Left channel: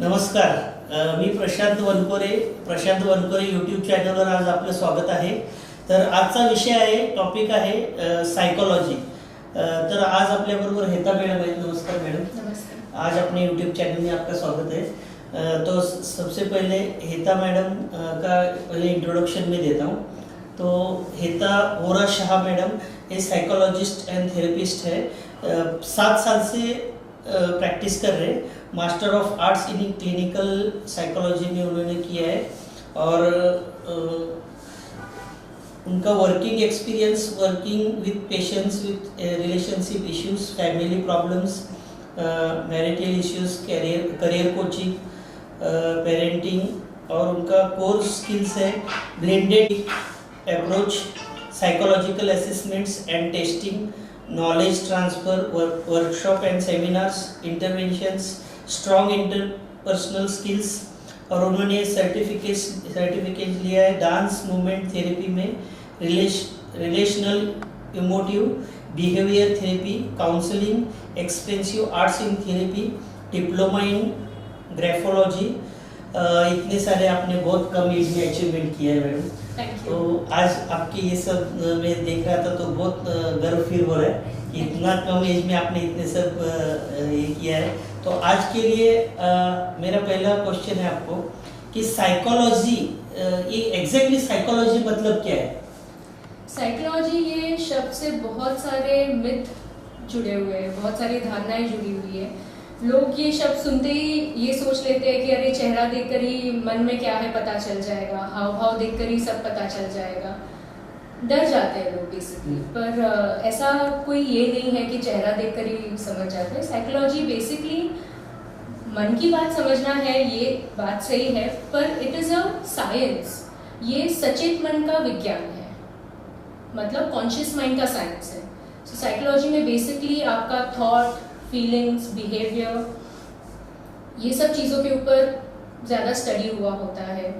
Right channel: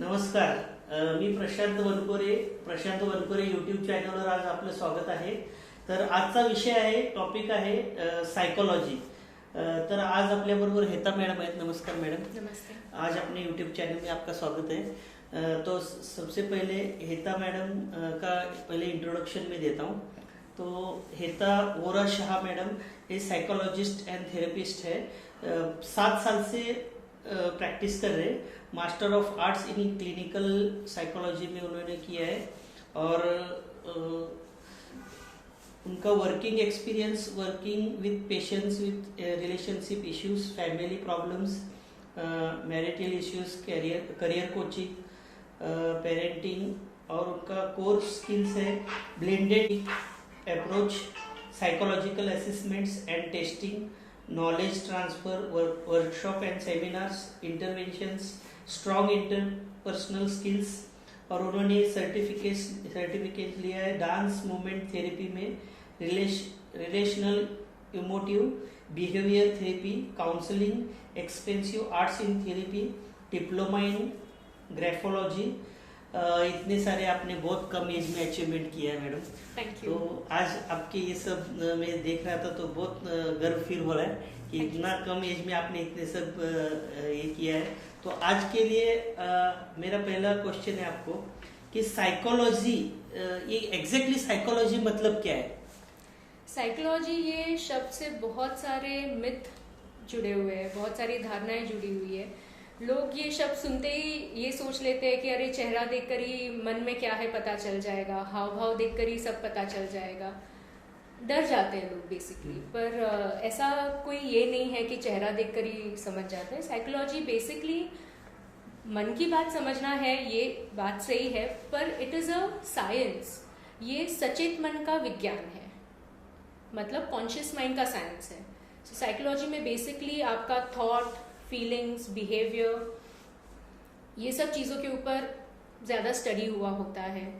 नमस्कार. मी प्रशांत वनकोरे यूट्यूब चॅनलवर आज आपलं स्वागत आहे. तर आजचा विषय आहे, टॉपिक आहे सायकोलॉजी. तर आज आपल्याबरोबर हेता मॅडम आहेत. नमस्कार मॅडम. नमस्कार. आज अपने यूट्यूब चैनल में आपका स्वागत है. तो सबसे पहले हेता मैडम का पहले इंट्रोडक्शन में देता हूँ. तो हेता वोरा शाह मैडम ये साइकोलॉजिस्ट एंड थेरेपिस्ट है. 7 साल से प्रैक्टिस कर रहे. Master of arts in clinical psychology में उन्होंने किया है. और उनका working experience working with patients with relationship issues, family problems, marital issues, career coaching, parenting, और उनका कोर स्किल्स है blended approach, psychological assessments and testing, knowledge transfer, workshop and seminars, interventions, strong interpersonal skills. और उन्होंने certificate लिया है dance movement therapy में, relational emotive behaviour therapy, counselling, expensive arts in therapy, diploma in graphology. इतने सारे आपने बहुत कम as में अचीवमेंट किया है मैडम. तो आज आपके ये सब मैं देख रहा था तो बहुत गर्व फील हो रहा है कि इतना कम एज में आपने इतने सब ये किया है. तो आज के लिए मेरा पहला क्वेश्चन है आपको कि साइकोलॉजी, ये एग्जैक्टली साइकोलॉजी मतलब क्या है? साइकोलॉजी ये शब्द से बहुत सारे मिथ जुड़े हुए हैं, बहुत सारी धारणाएं जुड़ी हुई है. लोग ये शब्द सुनते ही ये सोच लेते हैं कि अरे चेहरा देखकर ही मन में क्या है पता चल जाएगा, हाव भाव देखकर ही सब पता चल जाएगा. डर जाते हैं लोग बेसिकली. पर ऐसा कोई ये नहीं है कि चेहरा देखकर ही समझ जाते हैं. साइकोलॉजी बेसिकली मन की बात समझना है, ये बात सही है, पर इट इज अ साइंस. ये सचेत मन का विज्ञान है, मतलब कॉन्शियस माइंड का साइंस है. सो साइकोलॉजी में बेसिकली आपका थॉट, फीलिंग्स, बिहेवियर, ये सब चीज़ों के ऊपर ज़्यादा स्टडी हुआ होता है.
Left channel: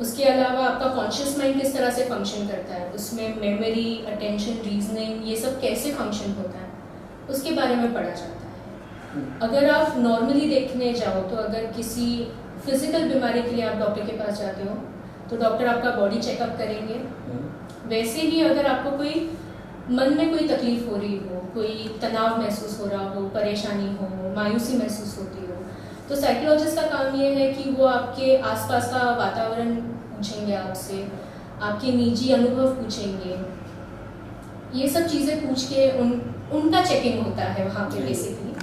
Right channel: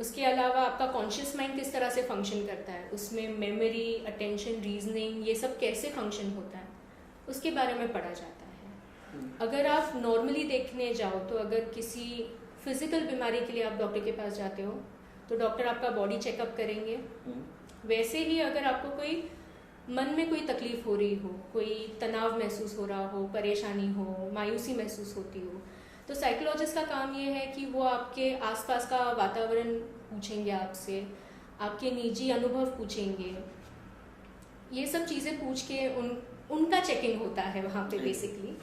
उसके अलावा आपका कॉन्शियस माइंड किस तरह से फंक्शन करता है, उसमें मेमोरी, अटेंशन, रीजनिंग, ये सब कैसे फंक्शन होता है, उसके बारे में पढ़ा जाता है. अगर आप नॉर्मली देखने जाओ तो अगर किसी फिजिकल बीमारी के लिए आप डॉक्टर के पास जाते हो तो डॉक्टर आपका बॉडी चेकअप करेंगे. वैसे ही अगर आपको कोई मन में कोई तकलीफ हो रही हो, कोई तनाव महसूस हो रहा हो, परेशानी हो, मायूसी महसूस होती हो, तो साइकोलॉजिस्ट का काम ये है कि वो आपके आसपास का वातावरण पूछेंगे आपसे, आपके निजी अनुभव पूछेंगे. ये सब चीज़ें पूछ के उनका चेकिंग होता है वहाँ पे बेसिकली.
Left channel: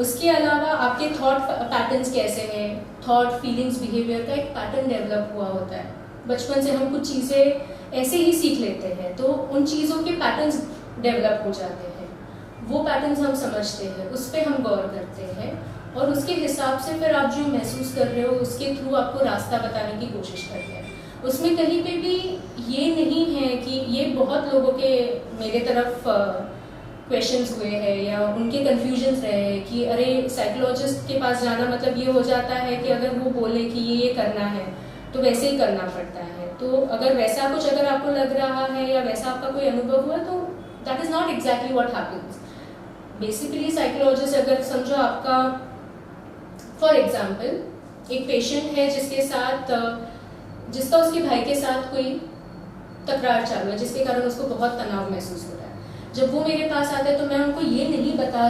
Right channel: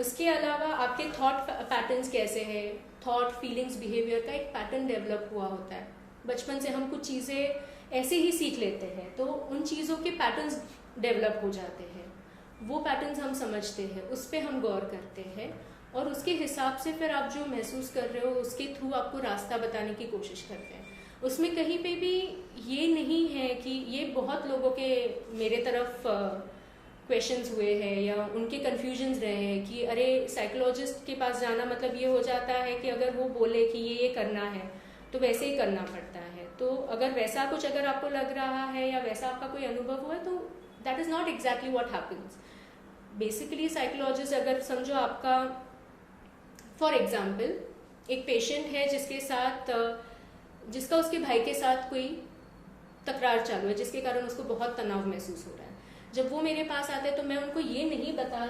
उसके अलावा आपके थॉट पैटर्न्स कैसे हैं, थॉट, फीलिंग्स, बिहेवियर का एक पैटर्न डेवलप हुआ होता है. बचपन से हम कुछ चीज़ें ऐसे ही सीख लेते हैं तो उन चीज़ों के पैटर्न्स डेवलप हो जाते हैं. वो पैटर्न्स हम समझते हैं, उस पर हम गौर करते हैं और उसके हिसाब से फिर आप जो महसूस कर रहे हो उसके थ्रू आपको रास्ता बताने की कोशिश करते हैं. उसमें कहीं पे भी ये नहीं है कि ये बहुत लोगों के मेरे तरफ क्वेश्चंस हुए हैं या उनके कन्फ्यूजन्स रहे हैं कि अरे साइकोलॉजिस्ट के पास जाना मतलब ये हो जाता है कि अगर वो बोले कि ये करना है तो वैसे ही करना पड़ता है. तो अगर वैसा कुछ अगर आपको लग रहा है या वैसा आपका कोई अनुभव हुआ तो that is not exactly what happens. Basically psychologist अगर समझो आपका, फॉर एग्जाम्पल एक पेशेंट है जिसका उसके भाई के साथ कोई तकरार चालू है जिसके कारण उसको बहुत तनाव महसूस हो रहा है. जब वो मेरे पास आते हैं तो मैं उनको ये नहीं बता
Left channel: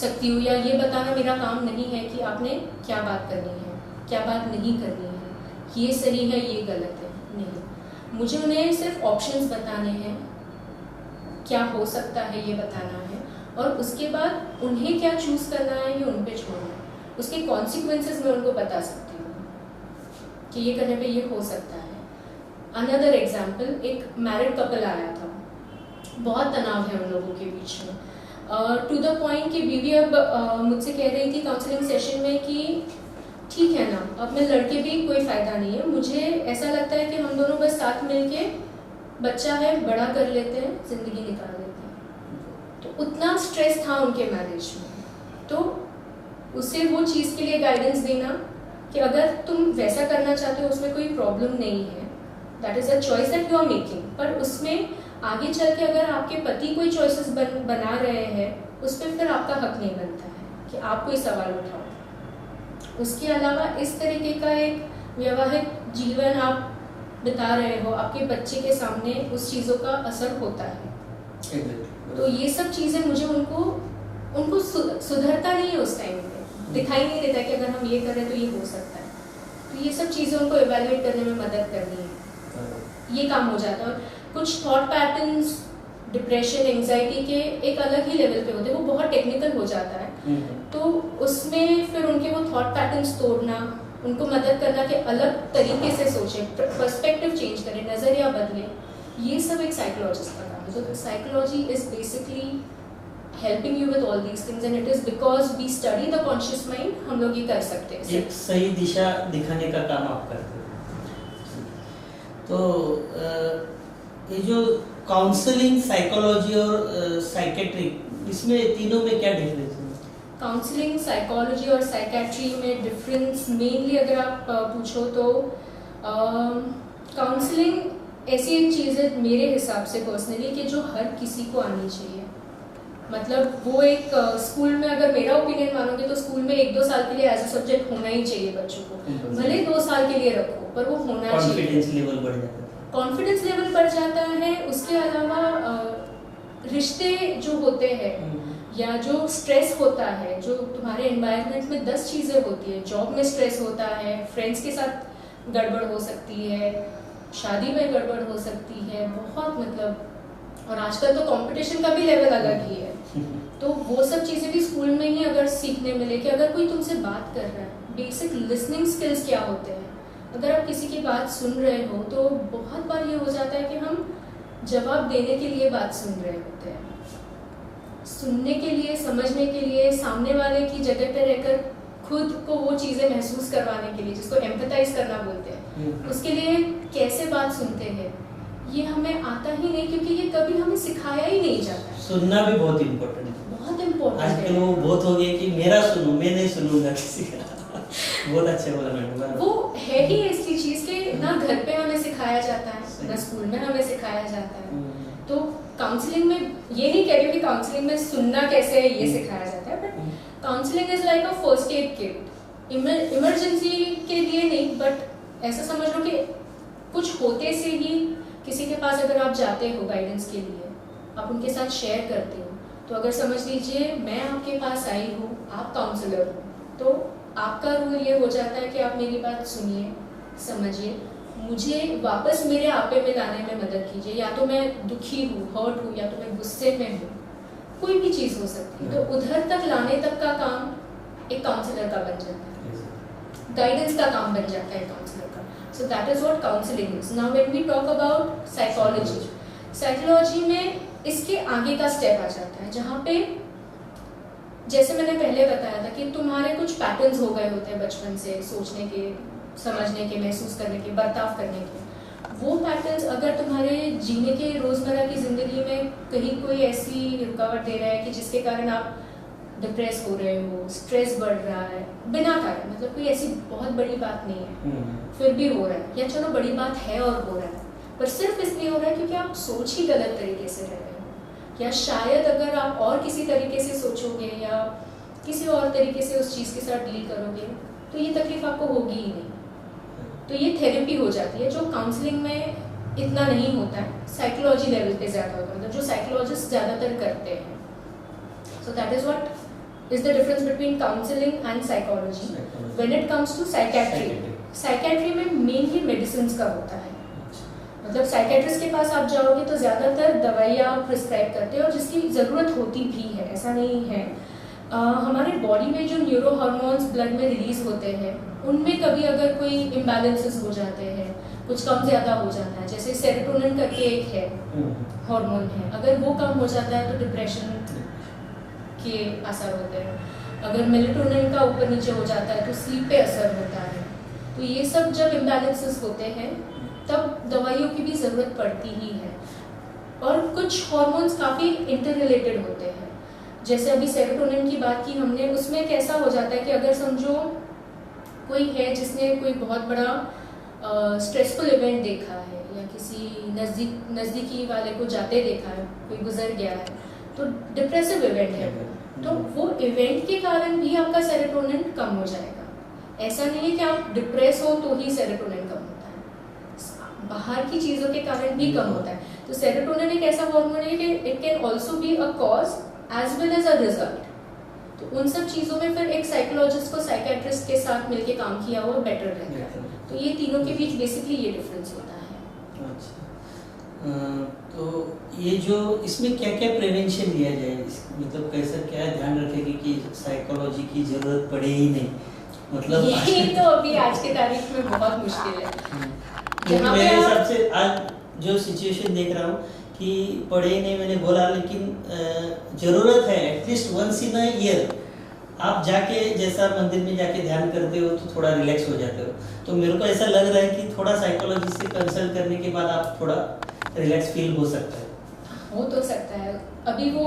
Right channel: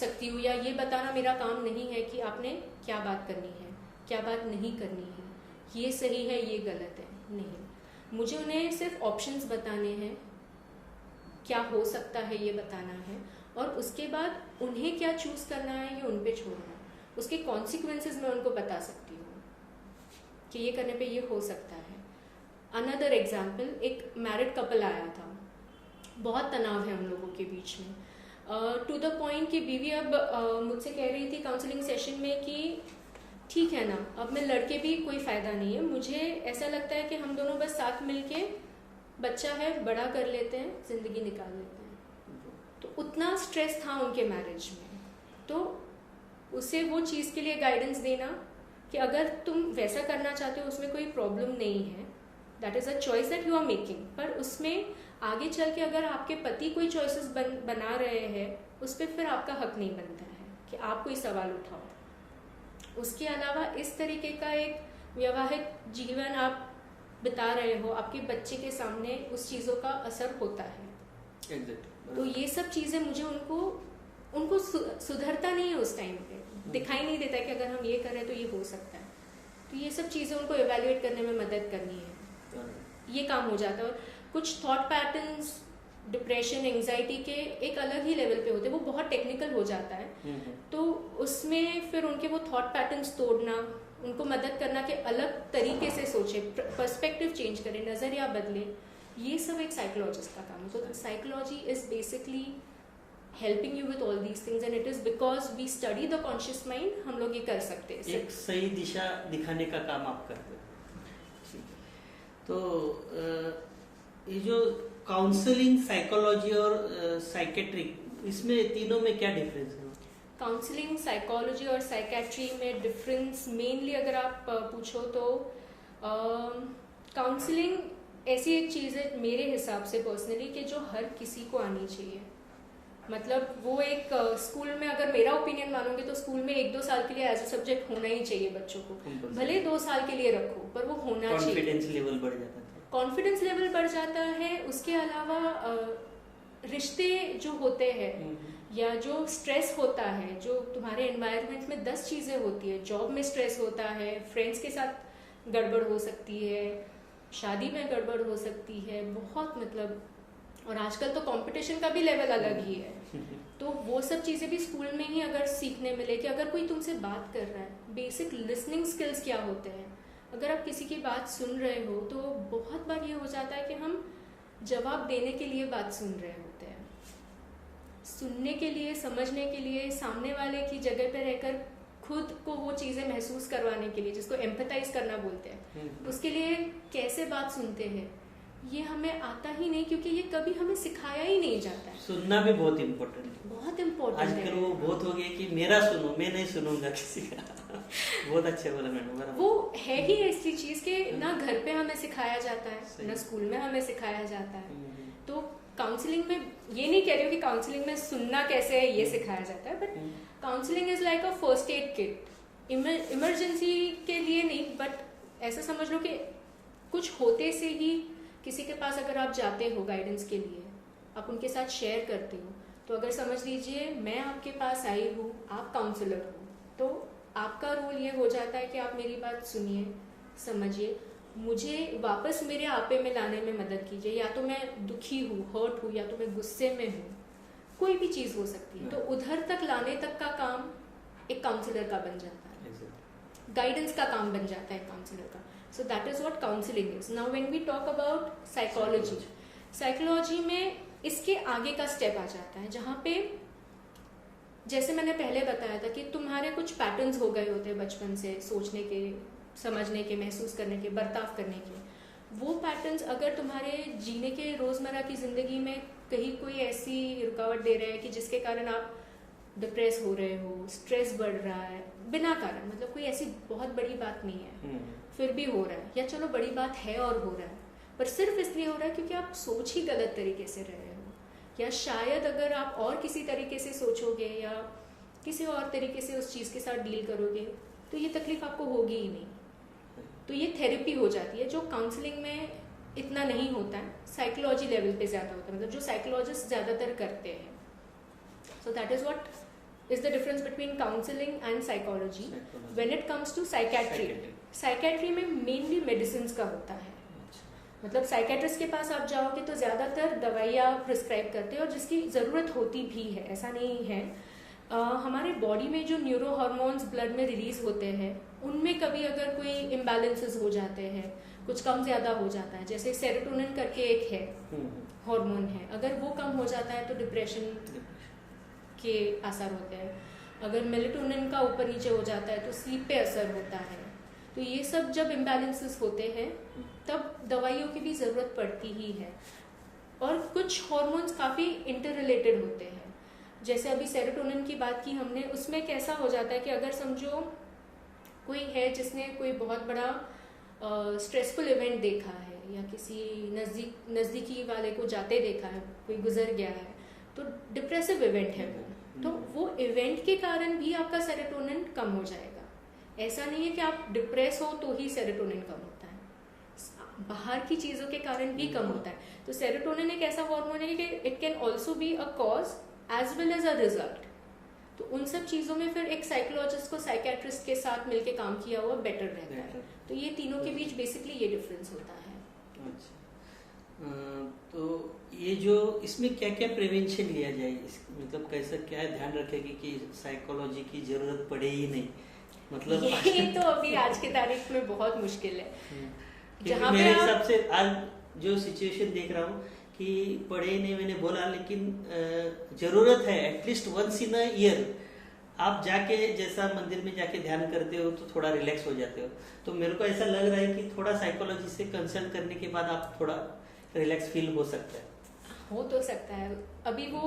सकती हूँ या ये बताना मेरा काम नहीं है कि आपने क्या बात करनी है, क्या बात नहीं करनी है, ये सही है, ये गलत है. नहीं, मुझे उन्हें सिर्फ ऑप्शंस बताने हैं, क्या हो सकता है ये बताना है, और उसके बाद उन्हें क्या चूज़ करना है ये उन पे छोड़ना है. उसके कॉन्सिक्वेंसेस मैं उनको बता सकती हूँ कि ये करने पे ये हो सकता है. अनदर एग्जाम्पल, एक मैरिड कपल आया था, बहुत तनाव है उन लोगों के बीच में, टू द पॉइंट कि बीवी अब मुझसे कह रही थी काउंसलिंग सेशन में कि ठीक है ना, अब मैं लड़के भी कोई फ़ायदा नहीं है, मुझे ऐसा लगता है कि हम दोनों बस साथ मिलके बच्चा है बड़ा कर लेते हैं, ज़िंदगी निकाल लेते हैं. तो उतना स्ट्रेस था उनके मैरिज में. तो उसे वो चीज़ के लिए गाइडेंस देना कि अगर तुम वैसा करना चाहते हो उसमें कोई प्रॉब्लम नहीं है, that is a choice that you are making. पर उसमें आगे चल के अगर आपके पति कोई चॉइसेस बना रहे हैं उस पर फिर आपका हक नहीं बनता है कि आप कोई सवाल उठाओ. उसके अलावा इस तरीके का एक वैवाहिक जीवन आप बिता रहे हो, आपके बच्चे के सामने उस चीज़ों का असर होता है। तो ये सब चीज़ें मुझे उनको सुधरता नहीं है उस टाइम पे, दिखाई नहीं देता कि अगर हम ये करें तो ये हो सकता है। तो ये सब चीज़ें उनको इवेल्युएट करने में मदद करनी है, ये काम हो जाता है। और कुछ थॉट पैटर्न्स डिप्रेशन एंजाइटी के एक अलग ही लेवल पे होते हैं, वो बहुत टेक्निकल हो जाता है। तो उसमें फिर उनके वो थॉट पैटर्न्स तोड़ना, उनको मदद करना कि अलग तरीके से सोचें, पर्सपेक्टिव चेंज करें, नज़रिया बदले, ये सब एक साइकोलॉजिस्ट का काम है। तो psychology is basically helping you with all these things and it is because we study the conscious mind, हम लोग ये कर सकते हैं। एक सही दिशा दिखाने का काम आप करते हो। तो ये जो काउंसलिंग, साइकोलॉजी और साइकेट्री, इसमें तीनों में क्या डिफरेंस है? काउंसलिंग, साइकोलॉजी और साइकेट्री में डिफरेंस मेनली अगर आप पूछो तो काउंसलिंग ऐसी एक चीज़ है मेरे हिसाब से पर्सनली कि जो हर किसी को आनी चाहिए। मतलब वो एक स्कूल में, अगर मेरा ओपिनियन मानोगे तो स्कूल में 1-2 साल के लिए एज अ सब्जेक्ट होना ही चाहिए बच्चों को, भले 2 साल के लिए रखो पर वो होना चाहिए। कॉन्फिडेंस लेवल बढ़ जाता है। कॉन्फिडेंस लेवल बढ़ जाता है। उसके अलावा रिश्ते जो होते हैं या जो स्ट्रेस होता है, जो तुम्हारे एनवायरनमेंट में 10 चीज़ें होती है, जॉब में स्ट्रेस होता है, फ्रेंड्स के साथ गड़बड़ हो सकती है, शादी में गड़बड़ हो सकती है, बहुत मतलब, और आजकल तो कंपटीशन का भी लेवल अलग ही है। तो वो सब चीज़ें भी स्कूल में ही अगर सीखने मिले कि अगर कोई तुमसे बात कर रहा है, बेसिक लिसनिंग स्किल्स क्या होते हैं, अगर आप किसी की बात सुन रहे हो तो बहुत बार ये हो जाता है कि हम जवाब देने के लिए बात सुन रहे होते हैं, सुनने के लिए, समझने के लिए, सामने वाले की जगह पे रहकर खुद को वो चीज़ें महसूस करवाने के लिए, जिसको एम्पैथाइज करना बोलते हैं, उसके लिए कैसे बात सुनते हैं, ये हमें आता ही नहीं, क्योंकि ये कभी हमें सिखाया ही नहीं जाता है। सुनना भी बहुत इम्पोर्टेंट है। बहुत इम्पोर्टेंट है। आजकल वो बहुत हो गया कि मेरा सुनो, मैं नहीं सुनूंगा किसी का। बहुत अच्छे बोला मैडम। वो है ही ऐसी चीज़ कि ना घर पे हमें सिखाया जाता है, ना स्कूल में हमें सिखाया जाता है। तो काउंसलिंग में ये नहीं कह रही हूँ कि काउंसलिंग में सुनना कैसे है ये सिखाया जाता है, but counselling is like a first aid kit. Emergency के लिए नहीं, बट ऐसा समझ लो कि कुछ होते से ही किसी के पास अगर आप जाते हो गाइडेंस के लिए, आप उनके साथ शेयर करते हो, तो अगर समझ लीजिए मैं आपके पास आई हूँ, आप काउंसलर हो, तो आपका रोल ये हो जाता है कि आप मेरी बात सुनिए, समझिए, मुझे वापस मेरे आपे में लाने में मदद कीजिए। या तो मैं दुखी हूँ, हर्ट हूँ, या तो मैं गुस्से में हूँ, कोई भी चीज़ हो सकती है, तो उधर तक लाने तक का काम एक काउंसलर का बन जाता है, गाइडेंस का काम बन जाता है काउंसलर का। So that is what counselling is. Now when we talk about psychology, psychology में इसके आगे का स्टेप आ जाता है, जहाँ पे जैसे मैंने पहले बताया था कि तुम्हारे कुछ पैटर्न्स हो गए होते हैं बचपन से, सोचने के, समझने के, महसूस करने के, बर्ताव करने के। वो पैटर्न्स अगर तुम्हारे जीने के रोज़मर्रा की ज़िंदगी में कहीं कोई ऐसी रुकावट दे रहा है कि जिसके कारण आप डिप्रेस हो रहे हो, स्ट्रेस बढ़ रहा है बिना कारण, मतलब कोई ऐसी बहुत बड़ी बात नहीं है, फिर भी हो रहा है, या चलो बड़ी बात है और हो रहा है, पर सिर्फ इसलिए हो रहा है क्योंकि आप सोच ही गलत तरीके से रह रहे हो, या शायद अगर आप और किसी तरीके से सोचोगे या किसी और तरीके से उस चीज़ के साथ डील करोगे तो ये तकलीफ आपको होगी ही नहीं। तो ये थेरेपी हो जाती है, जो काउंसलिंग में इतना नहीं होता है, साइकोलॉजी लेवल पे ज़्यादा होता है, मतलब जो साइकोलॉजिस्ट ज़्यादातर करते हैं। So that is what is the difference between counselling and psychology. When it comes to psychiatry, psychiatry में मेनली मेडिसिन का होता है, मतलब साइकेट्रिस्ट के पास आप जाओगे तो ज़्यादातर दवाइयाँ प्रिस्क्राइब करते हैं, और जिसकी ज़रूरत होती भी है, ऐसा नहीं है। हमारे बॉडी में जो न्यूरो हार्मोन्स ब्लड में रिलीज होते हैं, उनमें कभी अगर कोई इम्बैलेंसेस हो जाते हैं, कुछ कम ज़्यादा हो जाता है, जैसे सेरोटोनिन करके एक है हार्मोन है, अगर वो कम हो जाता है तो डिप्रेशन के असर होते हैं, अगर मेलेटोनिन का ऊपर नीचे हो जाता है तो स्लीप पे असर होता है। तो ये सब जब इम्बैलेंसेस होते हैं तब दवाइयों की भी ज़रूरत पड़ती ही है। और कुछ हार्मोन्स काफ़ी इंटररिलेटेड होते हैं, जैसे अभी सेरोटोनिन की बात की हमने, उसमें कैसा हो जाता है कि अगर समझो कोई है जिसने कोई बहुत बड़ा स्ट्रेसफुल इवेंट देखा है, या किसी नज़दीकी वाले को जाते देखा है, कोई गुजर गया है, तो डिप्रेसिव इवेंट है, तो वो इवेंट के कारण भी आपका सेरोटोनिन कम हो जाएगा। ऐसा नहीं है कि आप डिप्रेस हो तो ही सेरोटोनिन कम होता है, बाहर की चीजों के कारण भी कम होता है। तो सेरोटोनिन एक ऐसा हार्मोन है कि it can also be a cause as well as a result. तो उन सब चीजों में फिर एक साइकोलॉजिस्ट को साइकेट्रिस्ट के साथ मिलके काम किया हुआ बेटर रहता है। तो ये तीनों के बीच बेसिकली ये डिफरेंस होता है। अच्छा, तो ये जो इसमें क्या क्या प्रिवेंशन लिया जाए, मतलब कैसा क्या ध्यान रखेगी कि साइकोलॉजी की जरूरत पड़े ही नहीं, मतलब ये तो अभी आज के तारीख में बहुत मुश्किल है। क्योंकि मेरे हिसाब से आज जो सिचुएशन देख रहा हूँ कि पढ़े नहीं, मैंने बोला, लेकिन जरूरत है at least once in a year आप जाके, जैसा मंदिर में जाके ध्यान करते हो तो थोड़ा रिलैक्स हो जाते हो। तो मेरे को ऐसा लग रहा है कि थोड़ा साइकोलॉजी से कंसल्ट करने के बाद आप थोड़ा रिलैक्स फील हो सकता है। हो तो सकता है। अभी वो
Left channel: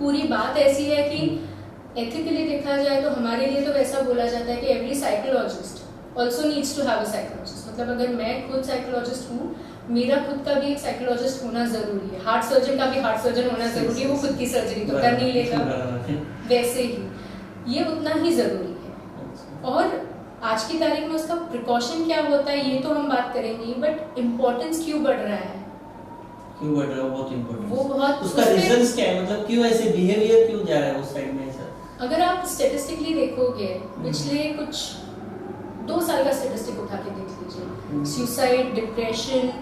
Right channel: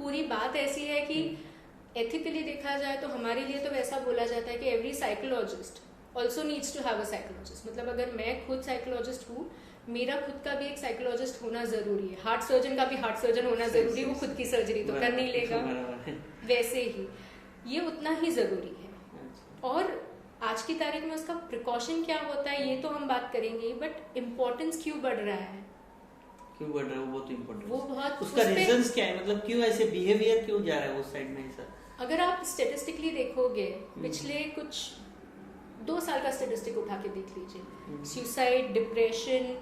पूरी बात ऐसी है कि एथिकली देखा जाए तो हमारे लिए तो ऐसा बोला जाता है कि every psychologist also needs to have a psychologist. मतलब अगर मैं खुद साइकोलॉजिस्ट हूँ, मेरा खुद का भी एक साइकोलॉजिस्ट होना जरूरी है। हार्ट सर्जन का भी हार्ट सर्जन होना जरूरी है, वो खुद की सर्जरी तो कर नहीं लेगा, वैसे ही ये उतना ही जरूरी है। और आज की तारीख में उसका प्रिकॉशन क्या होता है ये तो हम बात करेंगे, बट इम्पोर्टेंस क्यों बढ़ रहा है, क्यों बढ़ रहा है, बहुत इम्पोर्टेंट, वो बहुत उसका रीजंस क्या है, मतलब क्यों ऐसे बिहेवियर क्यों जा रहा है उस साइड में ऐसा? अगर आप स्टैटिस्टिकली देखोगे पिछले कुछ 2 साल का स्टैटिस्टिक उठा के देख लीजिए, सुसाइड, डिप्रेशन,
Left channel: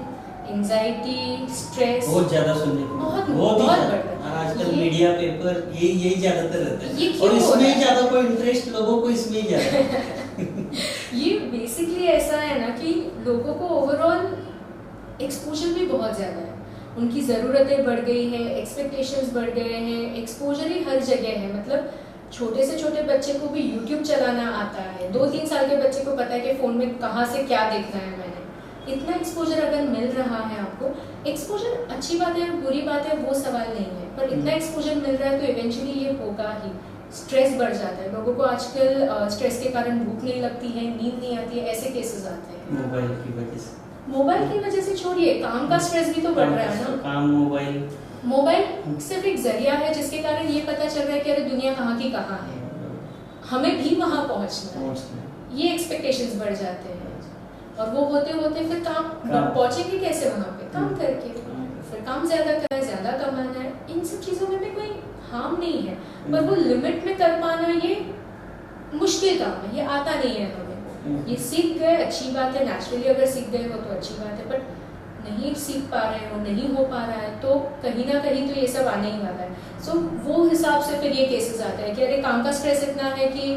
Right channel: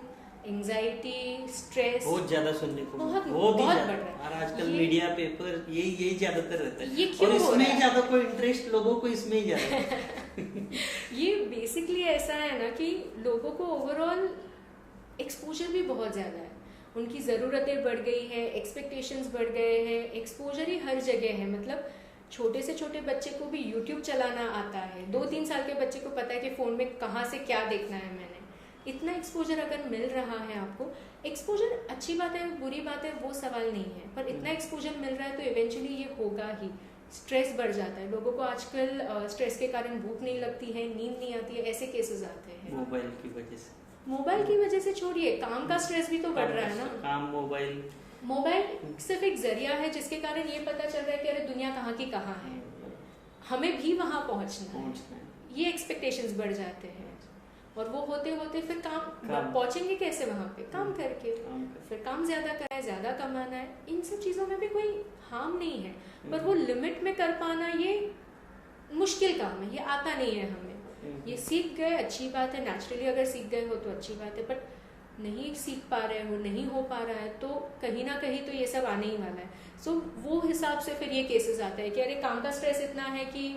एंजाइटी, स्ट्रेस बहुत ज्यादा सुनने को बहुत ही बढ़ ज्यादा। रहा है। आजकल ये- मीडिया पेपर यही ज्यादातर रहता ये है, क्यों और हो इसमें रहा ही है? ज्यादा को इंटरेस्ट लोगों को इसमें ही ज्यादा है। ये बेसिकली ऐसा है ना कि लोगों को ओवरऑल एक्सपोजर भी बहुत ज्यादा है, उनकी ज़रूरतें बढ़ गई हैं, एक्सपेक्टेशंस बढ़ गए हैं, एक्सपोजर ही हर जगह है। मतलब छोटे से छोटे बच्चे को भी यूट्यूब चलाना आता है, 2-3 साल के बच्चे को पता है कि फ़ोन में कहाँ से क्या देखना है मैंने। इतना एक्सपोजर अगर मिल रहा है आपको, एक्सपोजर अच्छी बात है बुरी बात है वो सवाल नहीं है, पर इतना एक्सपोजर मिल रहा है तो इवेंचुअली ये होगा ही। स्ट्रेस बढ़ जाता है लोगों को आजकल, स्ट्रेस के कारण भूख नहीं लगती है, नींद नहीं आती है, ऐसे केसेस आते हैं मोबाइल की वजह से। मोबाइल की वजह से छोड़िए, काम का स्ट्रेस भी तो बढ़ रहा है ना। काम, मोबाइल सिर्फ एक जरिया है जिसके कारण ये पता चल रहा है कि अरे दुनिया कहाँ की कहाँ है, हमें भी वहाँ पहुँचना है, ये एक्सपेक्टेशंस बढ़ जाते हैं। और वो होते होते फिर काम पहुँचेंगे कैसे वहाँ पे, काम करके। फिर काम ज्यादा करना है, ज्यादा कमाना है, इन सब चीज़ों में भी कोई हार्म नहीं है, पर वो लिमिट में कर पाना ये मुश्किल काम है, ये आता नहीं है हमें। ये सीख गए अच्छी बात है, नेचुरली अगर सीख गए हो तो अच्छी बात है, बट नहीं सीख पा रहे हो, नहीं हो पा रहा है तो कहीं ना कहीं तो ये सब आने ही वाला है। सो वो हिसाब से फिर ये केसेस आते हैं कि अरे काम का स्ट्रेस इतना है कि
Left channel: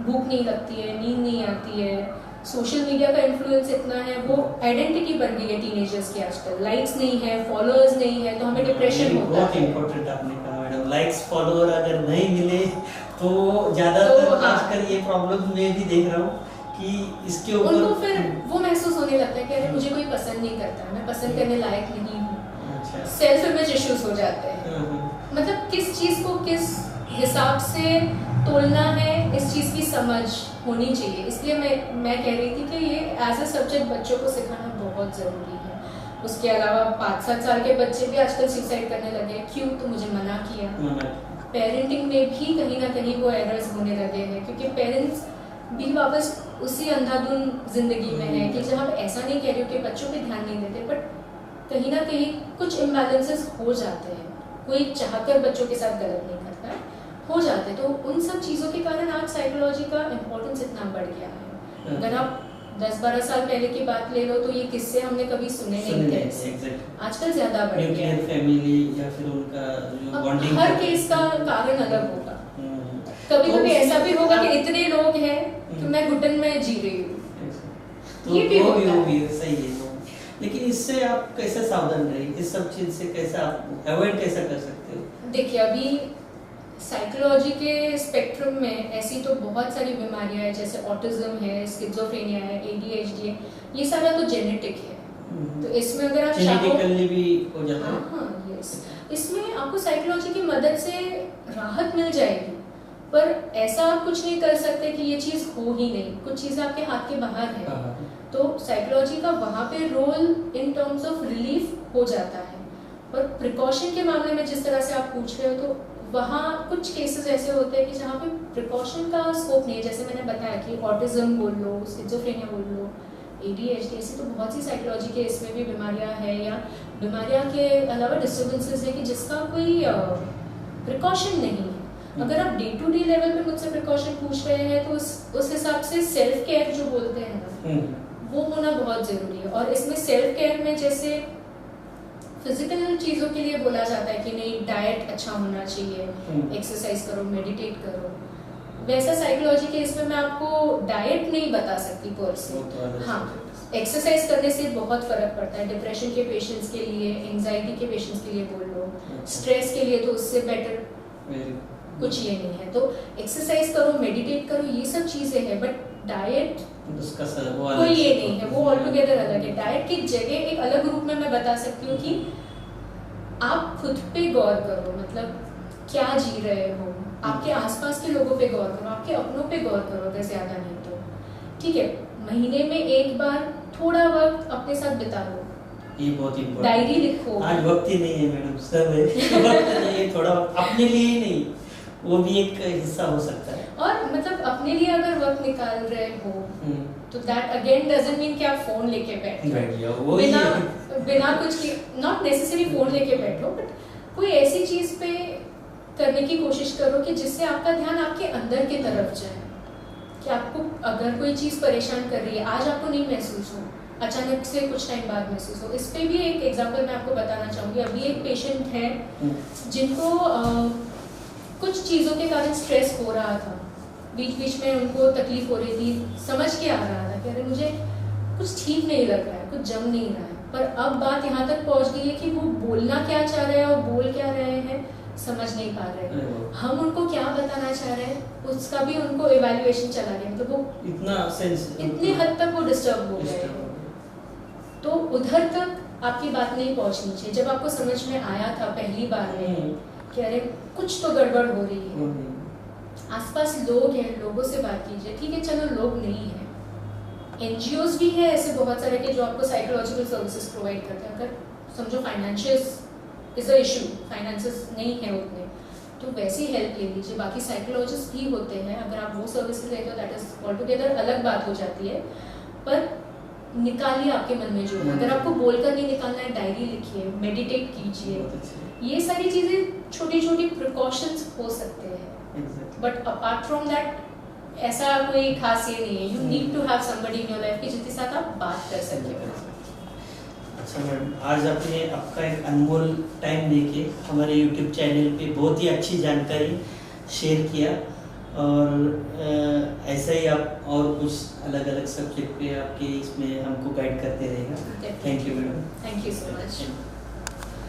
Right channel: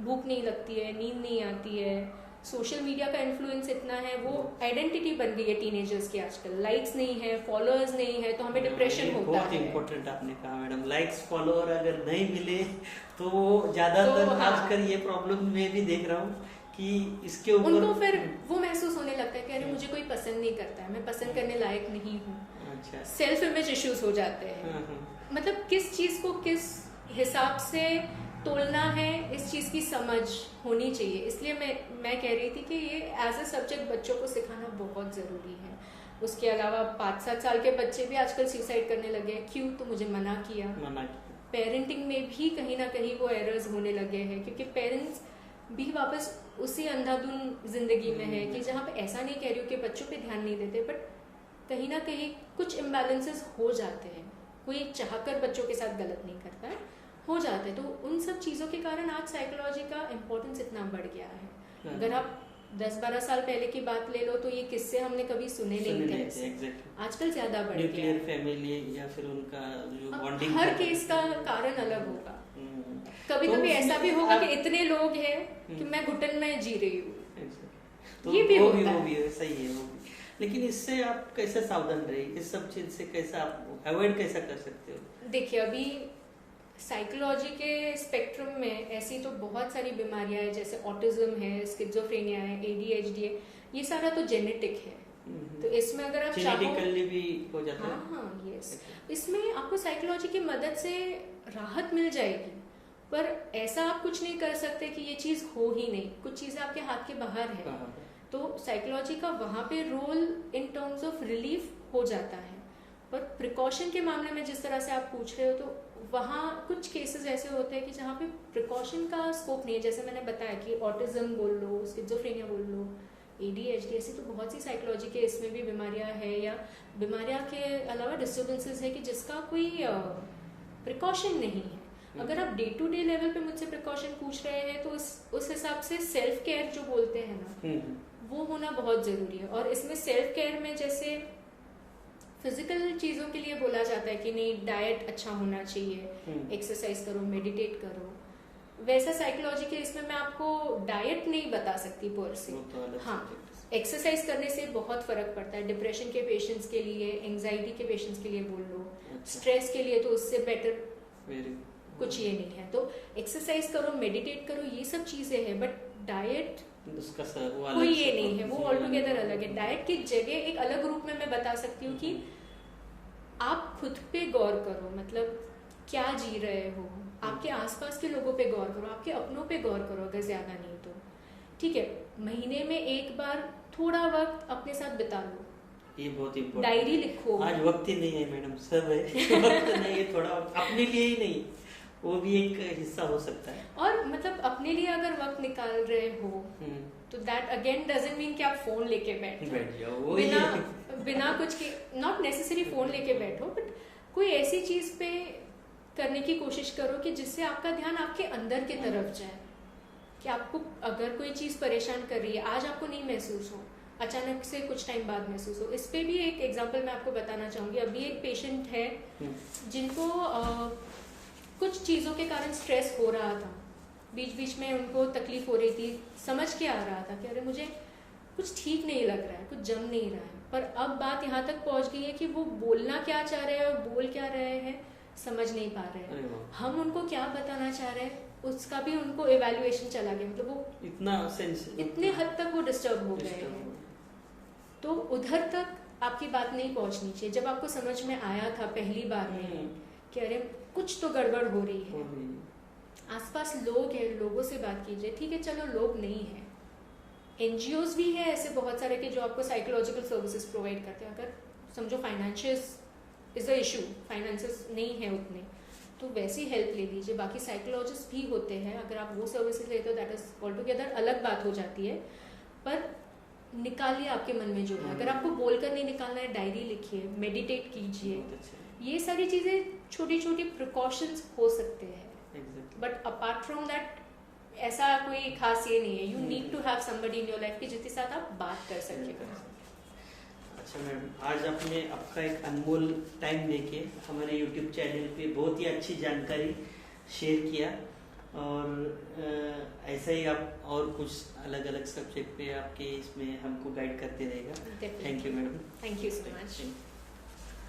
भूख नहीं लगती है, नींद नहीं आती है, सोशल मीडिया का इन्फ्लुएंस इतना है, वो आइडेंटिटी बन गई है टीनेजर्स की आजकल, लाइक्स नहीं है, फॉलोअर्स नहीं है, तो हमें डिप्रेशन होता बहुत है। इम्पोर्टेंट आपने कहा मैडम, लाइक्स फॉलोअर अगर नहीं मिले तो ज्यादातर तो हाँ। आजकल ये प्रॉब्लम मैं भी देख रहा हूँ कि इसके ऊपर उनको फिर वो महसूस होने लगता है कि अरे मुझे कोई पसंद नहीं करता है, मैं पसंद करने लायक नहीं हूँ। अच्छा। सेल्फ इमेज इश्यूज हो जाते हैं, मतलब किस चीज को किस हिसाब से तोलना है, इस चीज की समझ होनी चाहिए। इसलिए मैं कह रही थी कि ये एज अ सब्जेक्ट बच्चों को सिखाना बहुत जरूरी है। उसके अलावा 5-7 साल के बच्चे भी आजकल सुसाइड करने लगे हैं, क्यों? तो मुझे मना किया। पेरेंटिंग में भी कहीं ना कहीं वो एरर्स होने लगे हैं, क्योंकि पेरेंट्स भी वापस उसी अंधाधुन जिंदगी में है कि जब हम ऐसा नहीं कह रहे हो कि बच्चों पे ध्यान नहीं देते, बट कहीं ना कहीं कुछ इम्बैलेंसेस हो जाते हैं, कोई चाहकर बच्चों के साथ गलत नहीं करता है, हो जाते हैं। तो उन सब चीज़ों के कारण आज साइकोलॉजी का इम्पोर्टेंस इतना बढ़ गया है। अगर आप 10-12 साल पहले की बात ले लो तो ये किस्से हमने कभी सुने नहीं थे, आजकल ज्यादा बढ़ गया है। फैमिली या फिर उनका जो बॉन्डिंग, हर केस का कारण अलग होगा। कभी कभी ऐसा भी होगा कि इतने लोग हैं कि मैं घुटन में जी रही हूँ, तो ये भी वो होता भी सही है। लेकिन इससे आप कैसे सावधान रहिए, इस सब चीज से कैसे आप अवॉइड कैसे कर सकते हो? देखिए अभी साइकोलॉजी के स्पेक्ट्रम में ऐसी तो बहुत सारी बीमारियां हैं, जैसे ऑटिज्म है, स्किज़ोफ्रेनिया है, ADHD है, ये सारा तो जेनेटिक है। तो इसमें अगर आप जेनेटिकली भी हो जाता है। हाँ यस, इसमें आपको साइकोलॉजी की मदद से राहत मिल जाएगी, पर ऐसा आप कुछ नहीं कर सकते कि ये चीज़ हो ही नहीं, कुछ चीज़ें आपके हाथ के बाहर है। तो साइकोलॉजी का वहाँ पे role in terms of relief हो जाता है, पर प्रिकॉशन के मामले में जिस तरह से आप पूछ रहे हो तो वहाँ कुछ केसेस ऐसे होते हैं कि जहाँ पे प्रिकॉशन का स्कोप नहीं है, जैसे मैंने बताया कि ऑटिज्म बोल लो, स्किज़ोफ्रेनिया बोल लो, ADHD, ऐसी तो बहुत सी साइकोलॉजी के इसमें भी बीमारियाँ हैं, या बीमारियाँ के अलावा डिस्टर्बेंसेस है कि जिसका कोई प्रिकॉशन नहीं है। अगर आप डे टू डे लेवल पे मुझसे प्रिकॉशन पूछ रहे हैं तो उस हिसाब से सेल्फ केयर जो बोलते हैं ना, वो होना बहुत ज़रूरी है। और इसमें सेल्फ केयर में जैसे फिजिकल चीज़ों के लिए बोला जाता है कि नहीं, डाइट अच्छा होना चाहिए, एक्सरसाइज करो, मेडिटेट करो, वैसा साइकोलॉजी के इसमें मैं आपको डाइट नहीं बता सकती पर से। हाँ, एक्सरसाइज करने से बहुत फर्क पड़ता है, डिप्रेशन के पेशेंट्स के लिए, एंजाइटी के पेशेंट्स के लिए बोल लो, स्ट्रेस के लिए तो उससे बेटर कुछ ये नहीं है। तो एक्सरसाइज करो, मेडिटेट करो, ये सब चीज़ें हैं, बट डाइट कोई ये नहीं है, वो ऑल टुगेदर अलग है। डाइट की जगह एक अलग रूप में मैं बता सकती हूँ कि आप खुद पे गौर करो, मतलब क्या जी रहे हो, आपके आसपास के लोगों पे गौर करो, आपके अपनों पे गौर करो, अगर ज्यादा नहीं तो ठीक है, महीने में एक बार थोड़ा वक्त अपने साथ बिता लो, ये बहुत इम्पोर्टेंट, डायरी लिखो। आज वक्त ही नहीं है मैडम, सब है वक्त नहीं है, थोड़ा अपने लिए ही नहीं, वो भी एक हिस्सा हो सकता है। और मतलब अपने लिए अगर वक्त निकाल रहे हो तो दैट अगेन डजंट मीन कि आप फोन लेके बैठो, बिना कुछ की, नॉट नेसेसरी फोन लेके बैठो, बट कोई ऐसी चीज पे करने की कोशिश करो कि जिससे आपका ध्यान आपके अंदर की तरफ जाए, कि आपको अगर कोई चीज परेशान कर रही है, आज आपको नहीं महसूस हो, अचानक से कुछ टाइम बाद महसूस हो। इस पे भी एक एग्जांपल मैं आपको बताना चाहूँगी। अभी एक पेशेंट है जिनको कुछ चीज़ों के कारण स्ट्रेस हो रहा था, बीच बीच में उनको तकलीफ हो रही थी, समझ के आ रहा था कि अरे मुझे कुछ ठीक नहीं लग रहा है, कुछ जम नहीं रहा है, पर अब बात यहाँ तक पहुँच गई है कि वो बोलना क्या चाह रहे हैं और बोल क्या रहे हैं समझ नहीं पा रहे हैं। हम उनको क्या बताना चाह रहे हैं उसका भी उनको इवैल्यूएशन चला गया, मतलब वो इतने हद तक वो डिस्टर्ब हो गए। तो उधर तक आपकी बात नहीं पहुंचनी चाहिए। जब आपको समझ में आया था पहली बार में कि अरे कुछ तो गड़बड़ हो रही है, आसपास लोग हैं, लोगों से बात कीजिए। ठीक है, चलो लोग नहीं है, NGOs भी है ऐसे बहुत सारे के जो आपको साइकोलॉजिकल सर्विसेज प्रोवाइड करते हैं। अगर समझो फाइनेंशियस इज अ इशू, फाइनेंसेस नहीं है उतने, तो वैसी हेल्प ले लीजिए। बाकी साइकोलॉजिस्ट भी होते हैं, अगर आप वो सर्विस लेते हो दैट इज ऑल टुगेदर अलग बात हो जाती है। पर निकालिए आपके मन में जो, अगर आपको बोलकर नहीं निकालना है, डायरी लिखिए, मेडिटेट कीजिए। ये सारी चीजें छोटी छोटी प्रिकॉशंस हो सकते हैं, बट अपार्ट फ्रॉम दैट ऐसा कोई खास ये नहीं है। You need to have somebody in your life कि जिसके साथ आप बात कर सके। अच्छा मैडम, आज आपने आपका एक अनमोल टाइम देके हमारे YouTube चैनल पे बहुत ही अच्छी जानकारी शेयर किया, और ऐसा ही आप और कुछ अलग अलग सब्जेक्ट पे आपके इसमें हमको गाइड करते रहेगा। Thank you madam. Thank you so much.